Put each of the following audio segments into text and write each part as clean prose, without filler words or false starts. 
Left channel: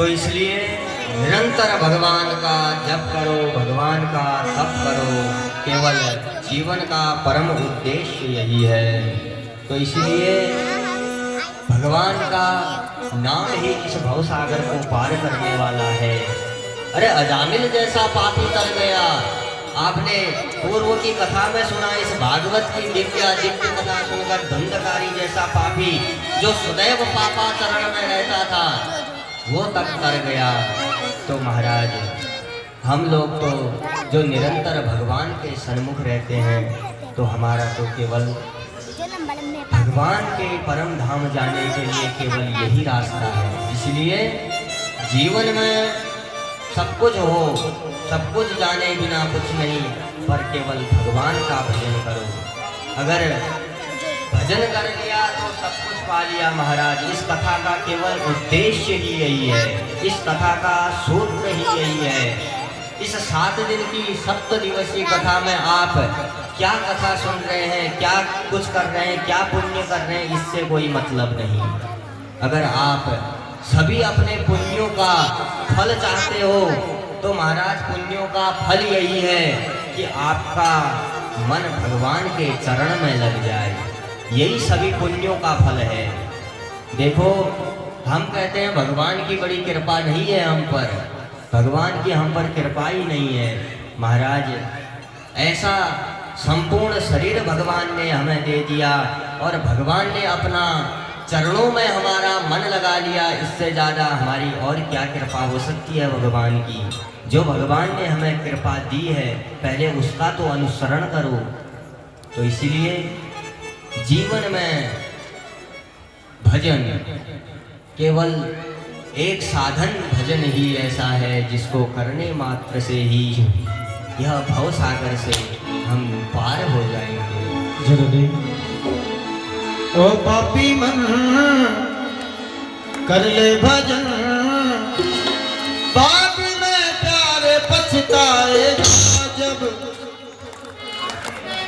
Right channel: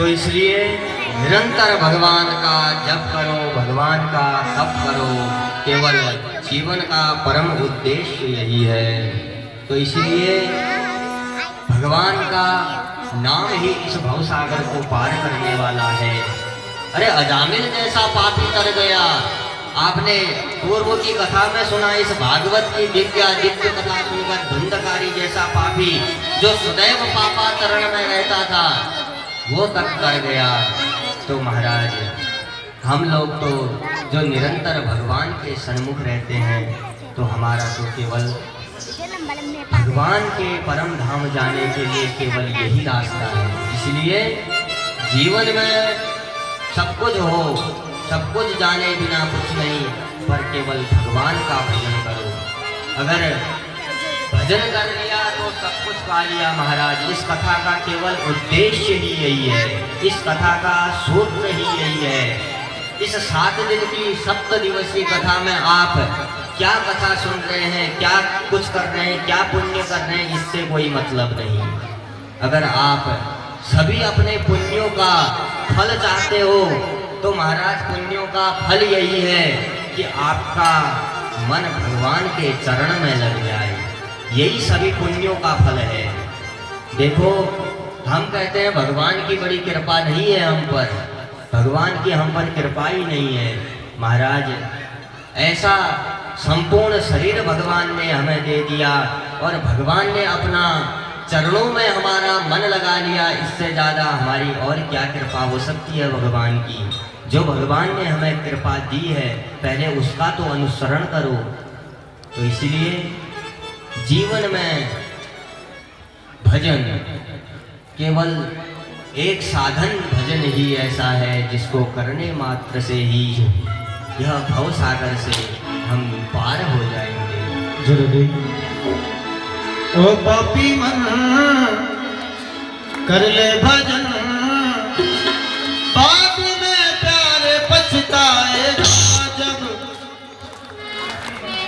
तो इसलिए निरंतर भगवान का जप करो, भगवान का तप करो। केवल जीवन का परम उद्देश्य यही है। तो इसलिए भगवान का नाम ही इस भवसागर को पार करने वाला है। अरे अजामिल जैसा पापी तर गया। आपने पूर्व की कथा में सुना, इस भागवत की दिव्य कथा सुनकर धुंधकारी जैसा पापी जो सदैव पापाचरण में रहता था वो तक कर गया। तो महाराज हम लोग तो जो निरंतर भगवान के सन्मुख रहते हैं तो हमारा तो केवल भगवान के परम धाम जाने के लिए केवल यही रास्ता है। इसलिए जीवन में सब कुछ हो, सब कुछ जाने बिना कुछ नहीं, पर केवल भगवान का भजन करो। अगर भजन कर लिया तो सब कुछ पा लिया महाराज। इस कथा का केवल उद्देश्य ही यही है, इस कथा का सूत्र ही यही है। इस 7 दिन की 7 दिवसीय कथा में आप क्या कथा सुन रहे हैं, क्या कुछ कर रहे हैं, क्या पुण्य कर रहे हैं, इससे कोई मतलब नहीं। अगर आप सभी अपने पुण्यों का फल चाहते हो तो महाराज पुण्यों का फल यही है कि आपका मन भगवान के चरण में लग जाए। यही सभी पुण्यों का फल है। देखो हम कहते हैं भगवान की बड़ी कृपा नहीं है हम पर, भगवान की हम पर कृपा ही नहीं है महाराज। ऐसा संपूर्ण शरीर भगवान ने हमें दे दिया और भगवान ने अपना चरणों में हमारा मन लगा लिया। इससे ज़्यादा हमारी और क्या कृपा हो सकती है भगवान की। जो भगवान ने हमें कृपा दी है पहले उसका तो अनुसरण करो। तो इसीलिए जीवन में भजन केवल एक साधन भजन ही ऐसा है जिसको करने मात्र से ही यह भव सागर से हम पार हो जाएंगे। जल्दी ओ पापी मन कर ले भजन, बाद में प्यारे पछताएगा जब।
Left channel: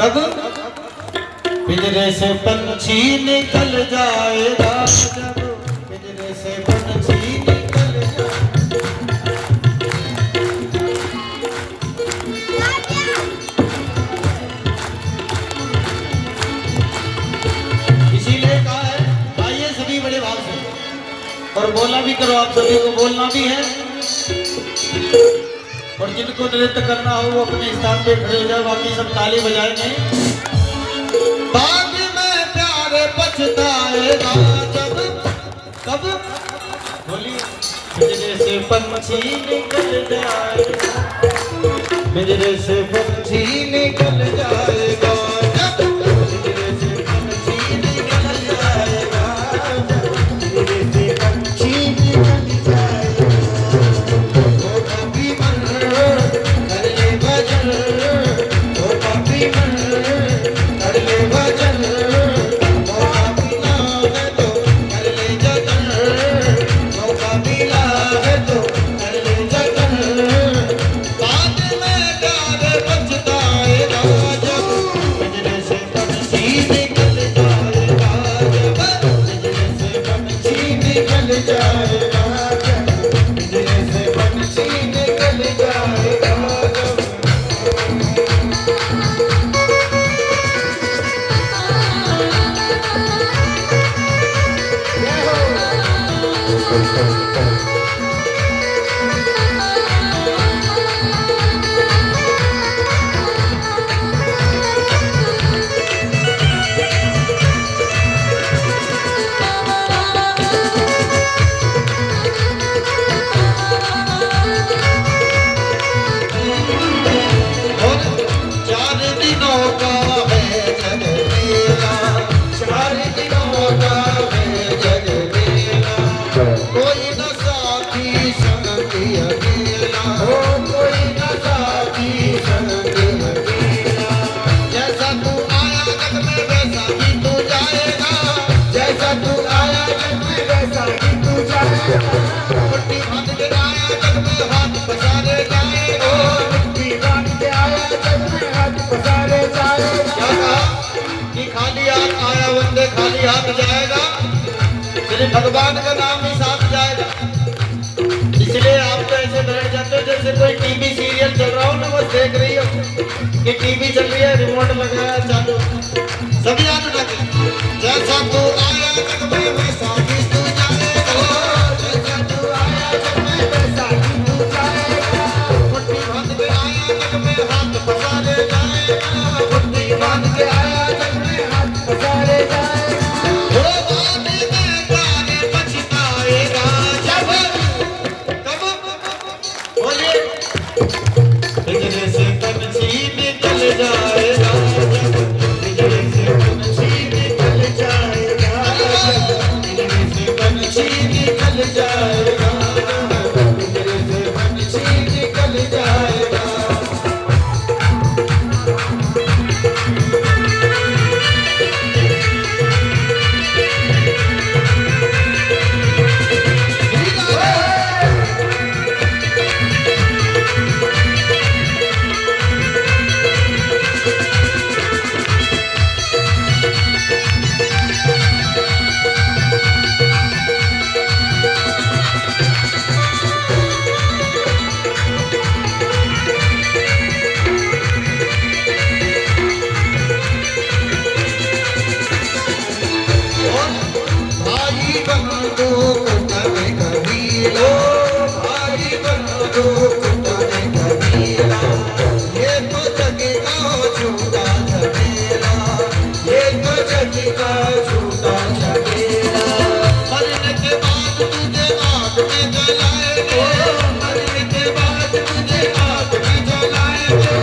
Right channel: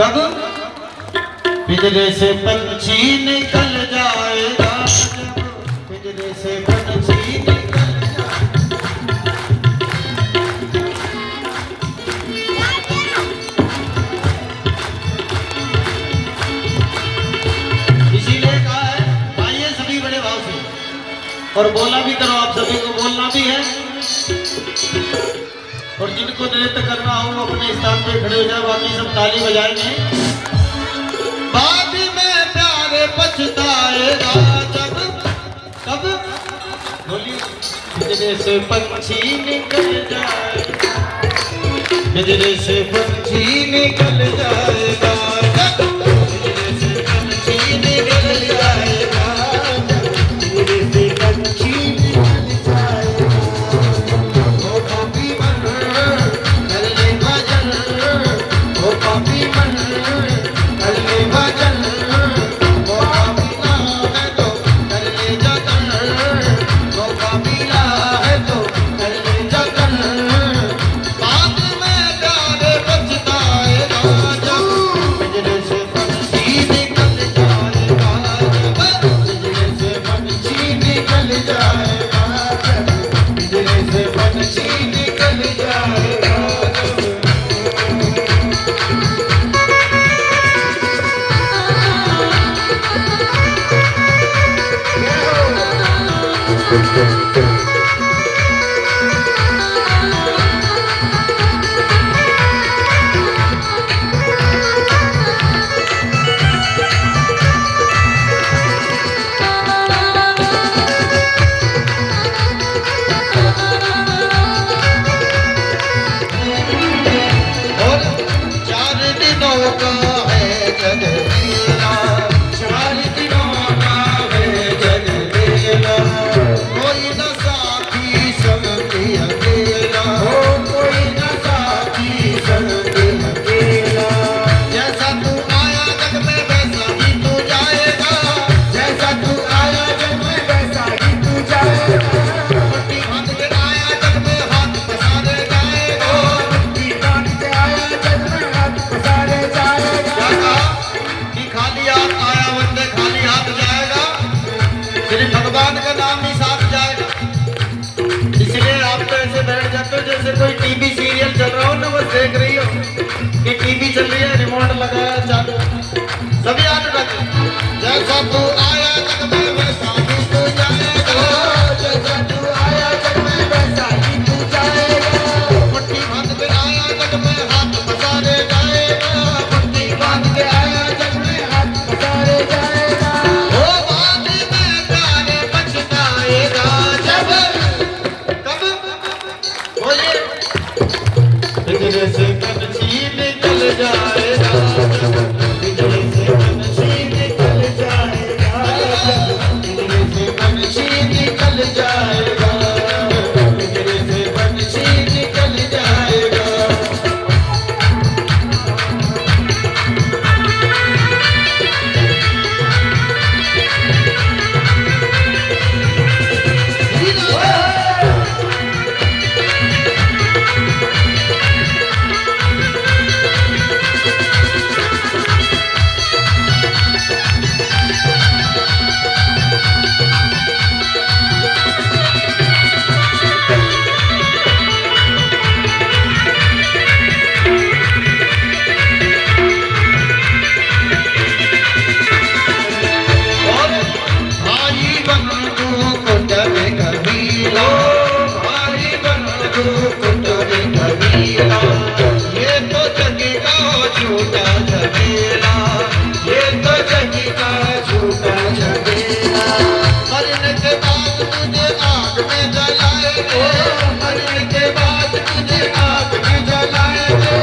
कब? पिंजरे से पंछी निकल जाएगा जब, पिंजरे से पंछी निकल और बोलना भी करो। आप सभी को बोलना भी है और जिनको नृत्य करना हो वो अपने स्थान पे खड़े हो जाए। बाकी सब ताली बजाएंगे। बाद में प्यारे पछताएगा जब। कब? बोलिए। पिंजरे से पंछी निकल जाएगा, पिंजरे से पंछी निकल जाएगा जब, पिंजरे से पंछी निकल जाएगा, पिंजरे से पंछी निकल जाएगा। ओ पापी मन कर ले भजन, ओ पापी मन कर ले भजन, ओ पापी है तो कर ले जतन, ओ पापी है तो कर ले जतन। बाद में प्यारे पछताएगा जब, पिंजरे से पंछी निकल जाएगा जब, पिंजरे से पंछी निकल जाएगा जब, पिंजरे से पंछी निकल जाएगा जब। और 4 दिनों का है जग लीला, 4 दिनों का है जग लीला। कोई न साथी संगी अकेला, कोई न साथी संगी अकेला। जैसा तू आया जग में वैसा ही तू जाएगा, जैसा तू आया जग में वैसा ही तू जाएगा। मिट्टी बांध के आया जग में हाथ पसारे जाएगा, मिट्टी बांध के आया जग में हाथ पसारे जाएगा। कि खाली हाथ आया बंदे खाली हाथ जाएगा, सिर्फ भगवान का नाम ही साथ जाएगा। चल रहा हूँ ना, बस देख रही हो कि टीवी चल रही है, रिमोट लगाया चालू, सभी हाथ उठा के। जैसा तू आया जग में वैसा ही तू जाएगा, जैसा तू आया जग में वैसा ही तू जाएगा। मुट्ठी बांध के आया जग में हाथ पसारे जाएगा, मुट्ठी बांध के आया जग में हाथ पसारे जाएगा। ओ बाद में तारे पछताएगा जब, कब बोलिए, बिजली से पंछी निकल जाएगा, बिजली से पंछी निकल जाएगा, बिजली से पंछी निकल जाएगा, बिजली से पंछी निकल जाएगा। भाई बंधु कुट में कबीला, भाई बंधु कुट में कबीला, ये तो जग का झूठा झमेला, ये तो जग का झूठा झमेला। मरने के बाद तुझे आग में जलाएंगे, मरने के बाद तुझे आग में जलाएंगे,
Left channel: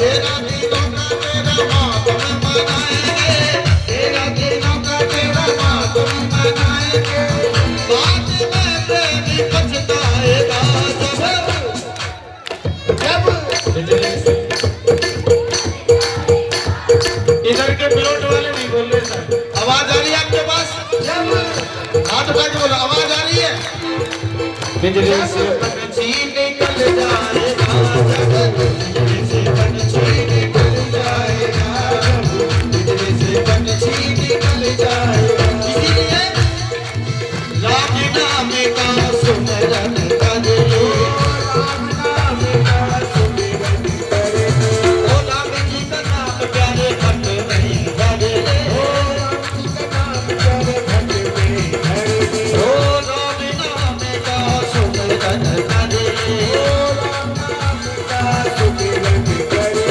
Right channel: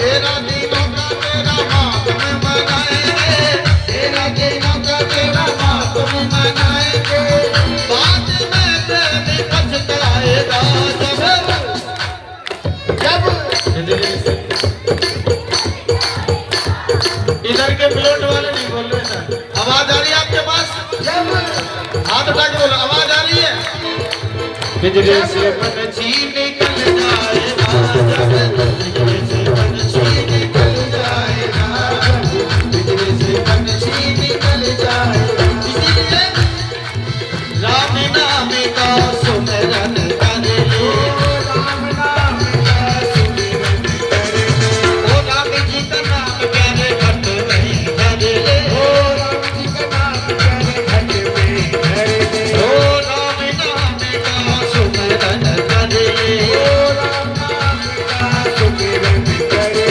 तेरा दिनों का तेरा मातम मनाएंगे, तेरा दिनों का तेरा मातम मनाएंगे। बाद में प्रेमी पछताएगा जब, इधर के प्लॉट वाले नहीं बोल रहे सर। आवाज आ रही है आपके पास? हाथ उठा के बोलो, आवाज आ रही है? बिजली से पंछी निकल जाएगा जब, बिजली से पंछी निकल जाएगा जब, बिजली से पंछी निकल जाएगा। इसीलिए राम नाम का सुमिरन करे, राम नाम का सुमिरन करे, ओ राम जी का नाम प्यारे घट में धरे, ओ राम जी का नाम प्यारे घट में धरे, ओ राम नाम का सुमिरन करे, ओ राम नाम का सुमिरन करे,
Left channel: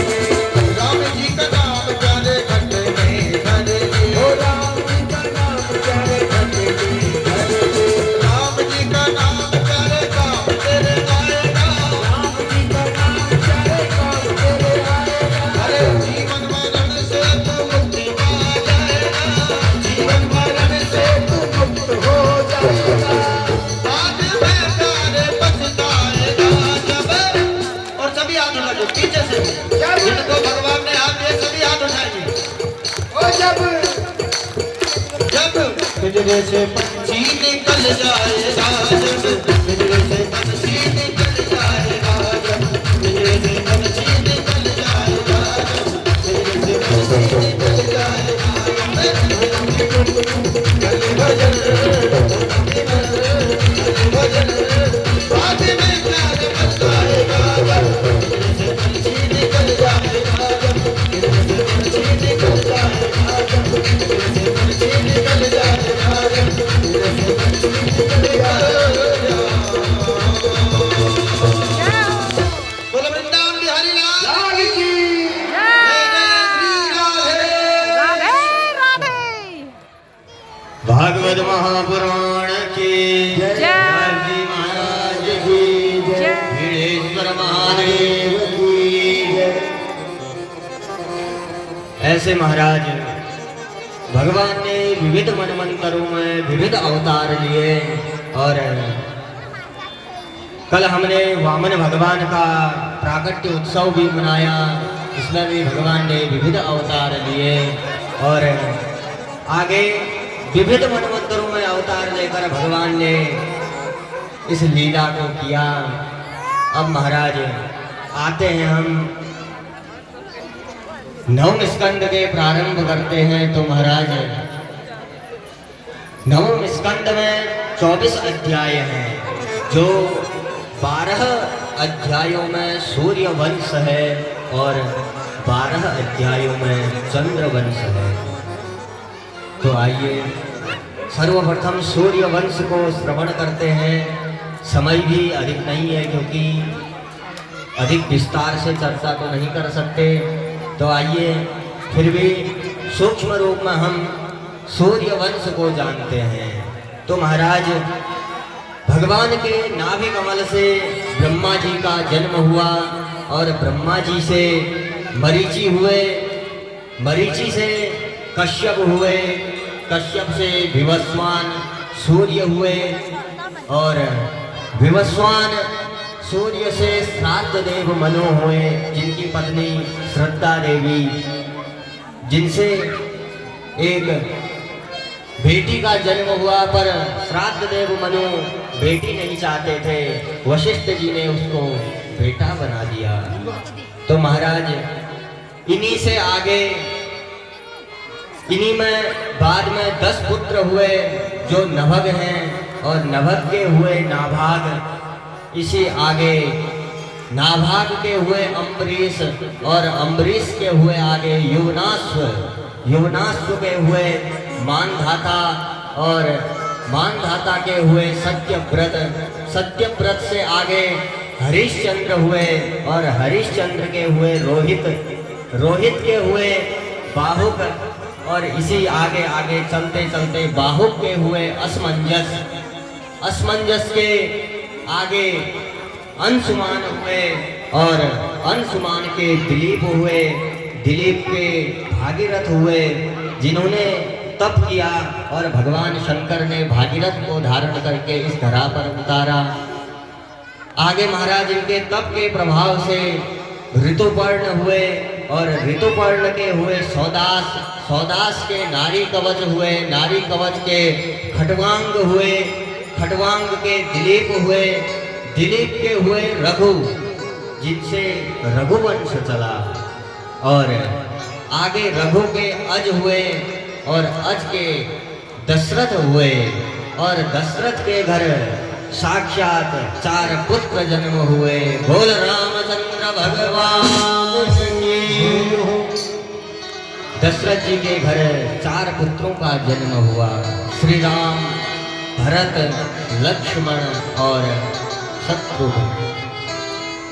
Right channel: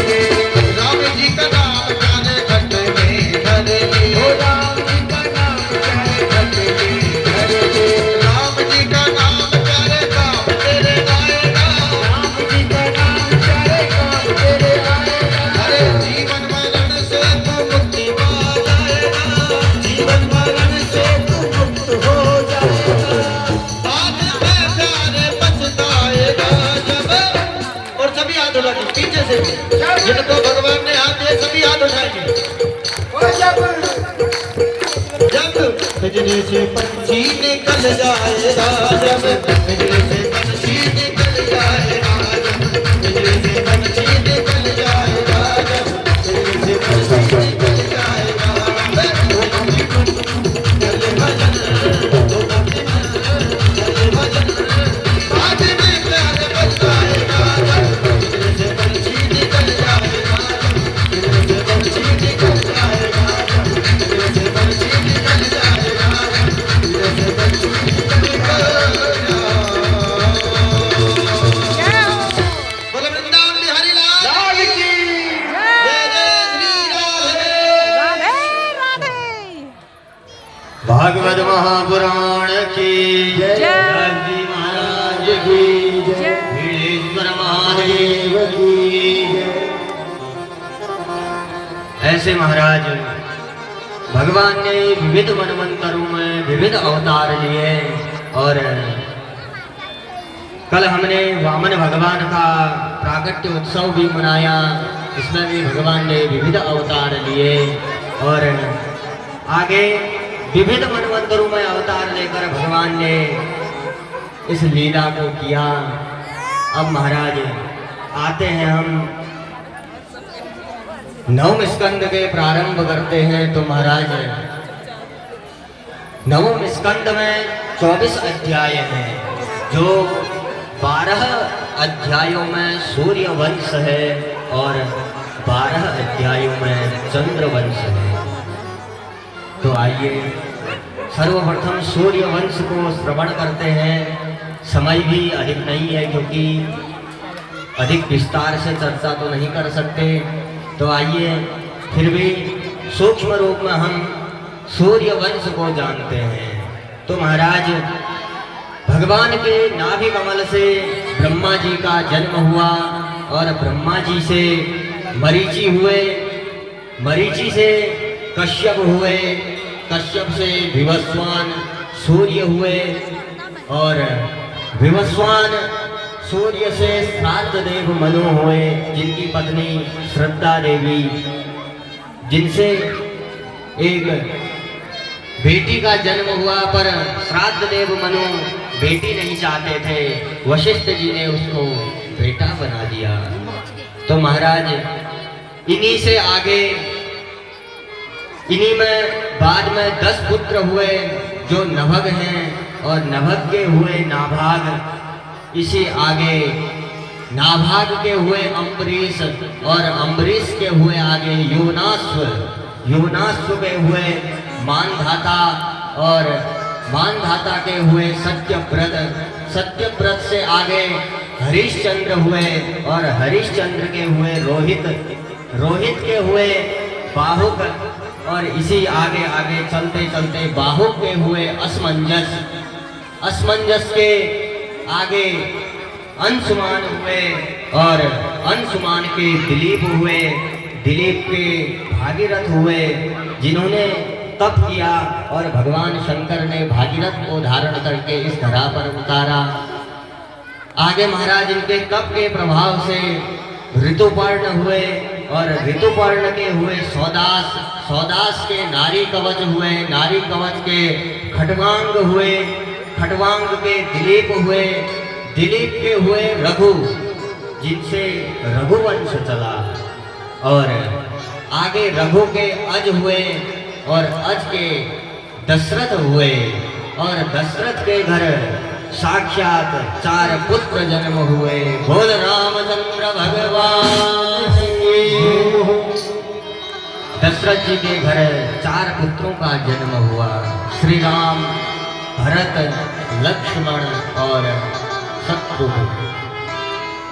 राम जी का नाम प्यारे घट में धरे, ओ राम जी का नाम प्यारे घट में धरे, राम जी का नाम प्यारे काम तेरे आएगा, राम जी का नाम प्यारे काम तेरे आएगा। अरे जीवन मरण से तू मुक्ति पा जाएगा, जीवन मरण से तू मुक्त हो जाएगा, बाद में प्यारे पछताएगा जब। और सभी हाथ उठा के पीछे से, जिनको भगवान ने हाथ दिए सभी हाथ उठाएंगे। जब बिजली से पंछी निकल जाएगा जब, बिजली से पंछी निकल जाएगा जब, बिजली से पंछी निकल जाएगा जब, बिजली से पंछी निकल जाएगा। बाद में प्यारे पछताएगा जब, बिजली से पंछी निकल जाएगा जब, बिजली से पंछी निकल जाएगा जब, बिजली से पंछी निकल जाएगा जब, बिजली से पंछी निकल जाएगा। बोलो वृंदावन बिहारी लाल की राधे राधे। भागवत महापुराण की जय, जय। जी महाराज की जय, जय। वीरेश्वर महादेव की जय। ऐसे महाराज भगवान ने विविध मनमंत्रों में विविध अवतार लिए, और कल हमने वामन भगवान का प्राकट्य उत्सव भी मनाया, इसमें भी भगवान ने विविध अवतार लिए, और आगे विविध मनमंत्रों में अवतार लेकर भगवान ने इस लीला को किया। अब महाराज आते हैं हम नवम स्कंद के प्रारंभ करते हैं। तो महाराज नवम स्कंद में 24 अध्याय हैं, जो 12 अध्यायों में सूर्य वंश है और 12 अध्यायों में चंद्र वंश है। तो आइए सर्वप्रथम सूर्य वंश को श्रवण करते हैं। समय भी अधिक नहीं है क्योंकि अधिक विस्तार से चर्चा तो नहीं कर सकते। तो आइए फिर भी सूक्ष्म रूप में हम सूर्य वंश को जानते हैं। तो महाराज भगवान के नाभि कमल से ब्रह्मा जी का जन्म हुआ और ब्रह्मा जी से मरीचि हुए, मरीचि से कश्यप हुए, कश्यप से विवस्वान सूर्य हुए और विवस्वान सूर्य से श्राद्ध देव मनु हुए, जिनकी पत्नी श्रद्धा देवी, जिनसे एक बेटी का जन्म हुआ। पर श्राद्ध देव मनु बेटी नहीं चाहते थे, वशिष्ठ जी ने उसको बेटा बना दिया। तो महाराज इन्हीं से आगे, इन्हीं में बाद में 10 पुत्र हुए जो नभग हैं और नभग के हुए नाभाग। इसी आगे नाभाग के हुए अम्बरीश और अम्बरीश के हुए आगे युवनाश्व, युवनाश्व के हुए मानधाता और मानधाता के हुए सत्यव्रत, सत्यव्रत से आगे हरिश्चंद्र हुए और हरिश्चंद्र के हुए रोहित, रोहित के हुए बाहुक और इसी आगे आगे चलते चलते बाहुक के हुए असमंजस, असमंजस के आगे अंशुमान हुए और अंशुमान के दिलीप हुए, दिलीप के भागीरथ हुए, जिन्होंने तप किया और भगवान शंकर ने भागीरथ को धारण करके इस धरा पर उतारा। आगे महाराज इनके तप के प्रभाव से ऋतुपर्ण हुए और ऋतुपर्ण के हुए सौदास, सौदास के नारी कवच हुए, नारी कवच के खटवांग हुए, खटवांग के दिलीप हुए, दिलीप के हुए रघु, जिनसे रघुवंश चला और आगे रघु के अज हुए और अज के दशरथ हुए और दशरथ के घर साक्षात 4 पुत्र जन्म हुए। बोल रामचंद्र भगवान की। दशरथ जी के घर 4 पुत्रों का जन्म हुआ, श्री राम, भरत, लक्ष्मण और शत्रुघ्न।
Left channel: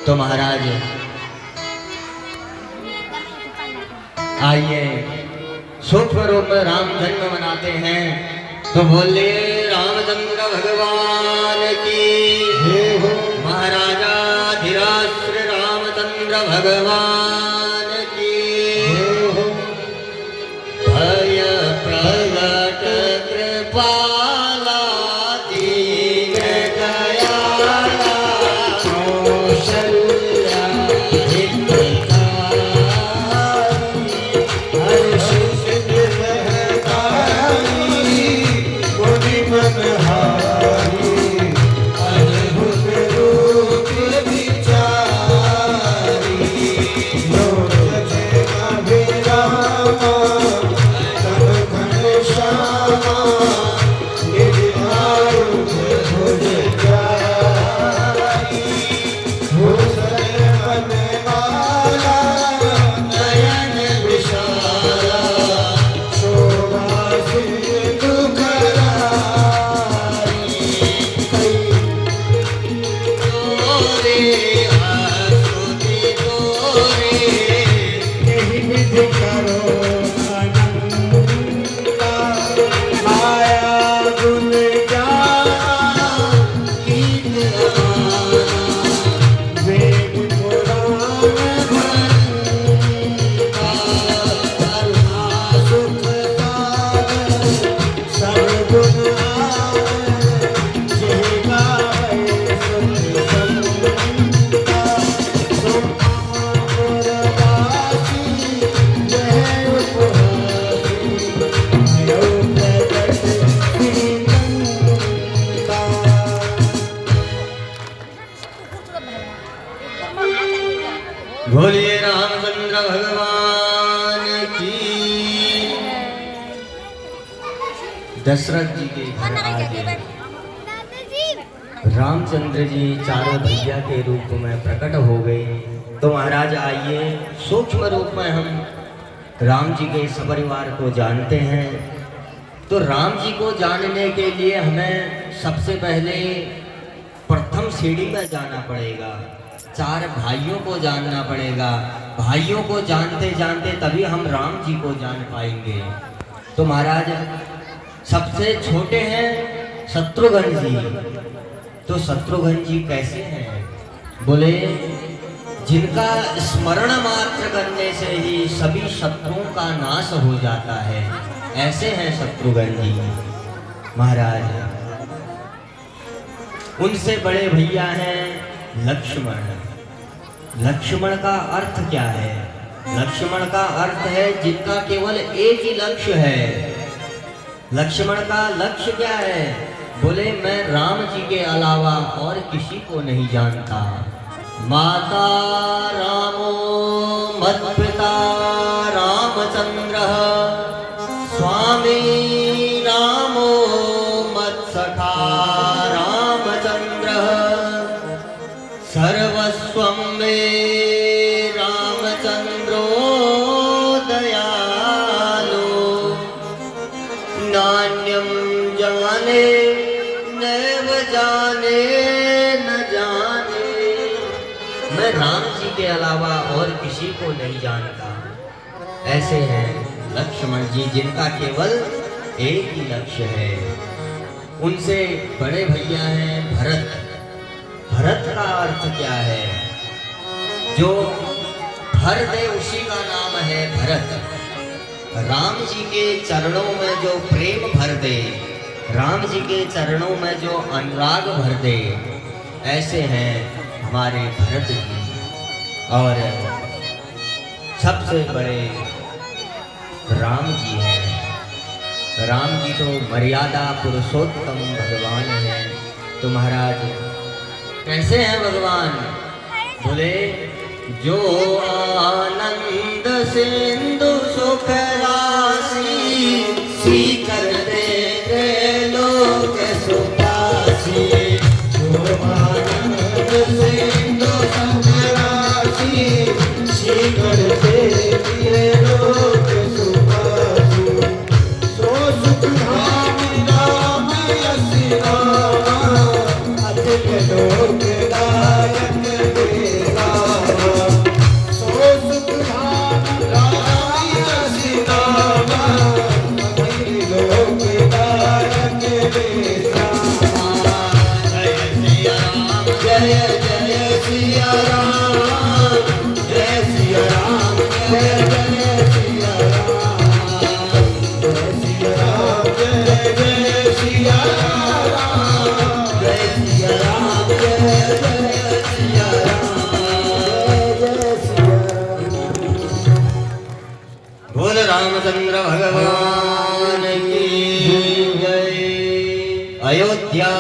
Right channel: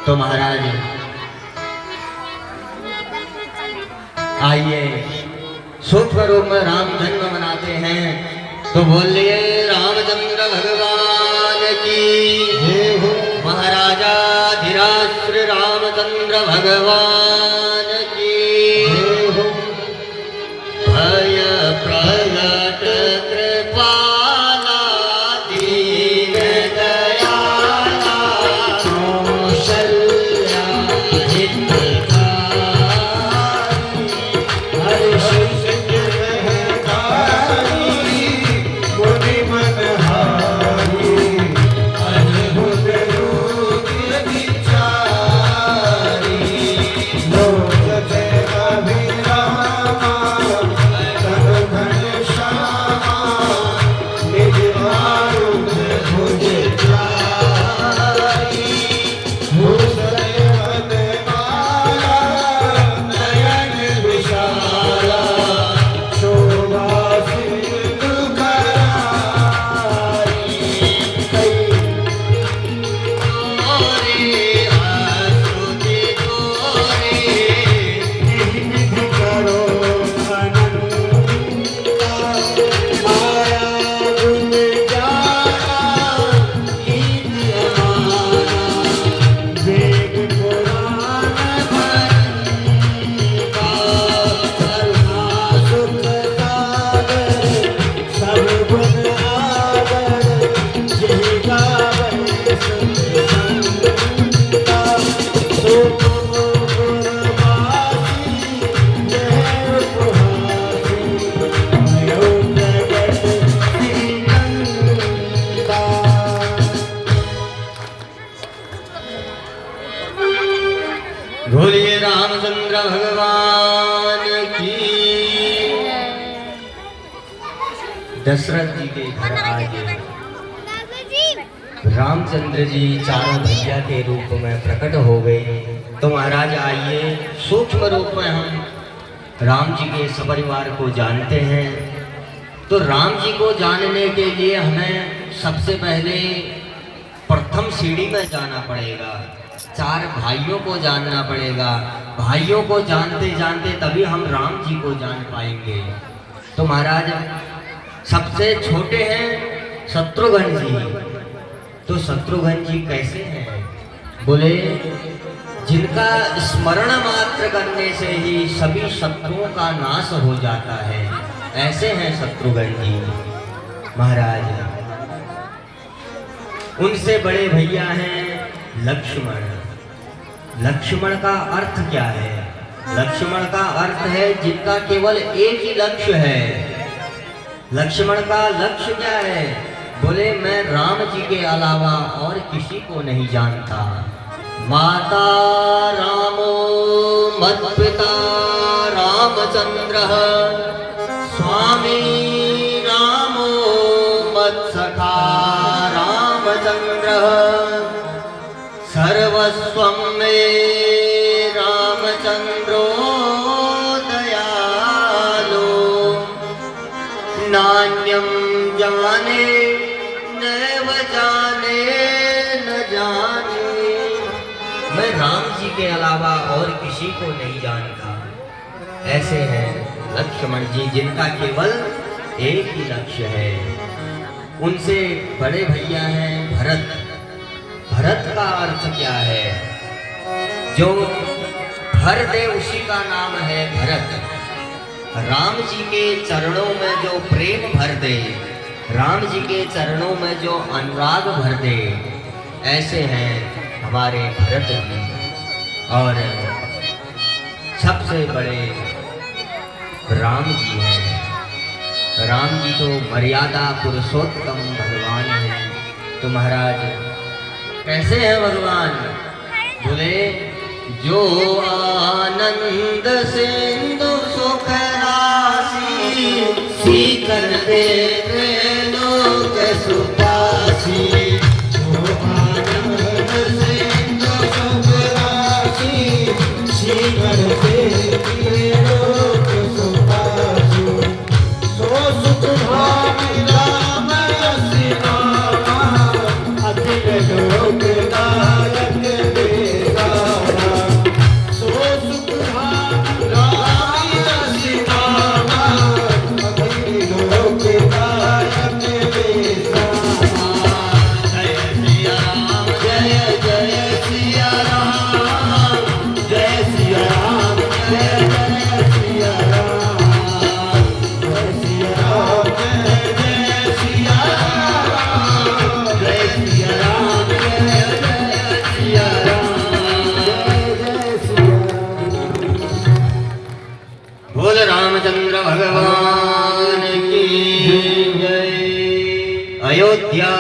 तो महाराज आइए सूक्ष्म रूप में राम जन्म मनाते हैं। तो बोलिए रामचंद्र भगवान की, महाराजा धीराज श्री रामचंद्र भगवान की। भय प्रगट कृपाला दीन दयाला कौशल्या हितकारी बोलिए रामचंद्र भगवान की। दशरथ जी के घर आके रामचंद्र जी चारों भैया के रूप में प्रकट हो गए। तो महाराज आइए सूक्ष्म रूप में हम राम जी के सपरिवार को जानते हैं। तो राम जी को जानने के लिए हमें सबसे पहले प्रथम सीढ़ी में जाना पड़ेगा, चार भाइयों को जानना पड़ेगा। भाइयों को जानते जानते तभी हम राम जी को जान पाएंगे। तो महाराज सबसे छोटे हैं शत्रुघ्न जी। तो शत्रुघ्न जी कैसे हैं? बोले जिनका स्मरण मात्र करने से ही सभी शत्रुओं का नाश हो जाता है, ऐसे हैं शत्रुघ्न जी महाराज। उनसे बड़े भैया हैं लक्ष्मण। लक्ष्मण का अर्थ क्या है? लक्ष्मण का अर्थ है जिनका केवल एक ही लक्ष्य है। लक्ष्मण का लक्ष्य क्या है? बोले मैं राम जी के अलावा और किसी को नहीं जानता। माता रामो मत्पिता रामचंद्र स्वामी रामो मत्सखा रामचंद्र सर्वस्वं मे रामचंद्रो दयालो नान्यं जाने नैव जाने न जाने। मैं राम जी के अलावा और किसी को नहीं जानता। ऐसे हैं लक्ष्मण जी जिनका केवल एक ही लक्ष्य है। उनसे बड़े भैया हैं भरत। भरत का अर्थ क्या है? जो भर दे उसी का नाम है भरत। राम जी के चरणों में जो प्रेम भर दे, राम जी के चरणों में जो अनुराग भर दे, ऐसे हैं हमारे भरत जी। और सबसे बड़े राम जी हैं। राम जी तो मर्यादा पुरुषोत्तम भगवान हैं। तो महाराज कैसे हैं भगवान? बोले जो आनंद सिंधु सुख राशि सीकर दे लोक सुपासी। जो आनंद सिंधु सुख राशि सीकर दे लोक सुपासी। सो सुख भाग्य राम रसि रामा अखिल लोक नायक मेरा। सो सुख भाग्य राम रसि रामा अखिल लोक नायक मेरा। जय जय सिया राम, जय सिया राम, जय जय सिया राम, जय सिया राम, जय जय सिया राम, जय सिया राम, जय जय सिया राम, जय सिया राम। बोल रामचंद्र भगवान की जय। अयोध्या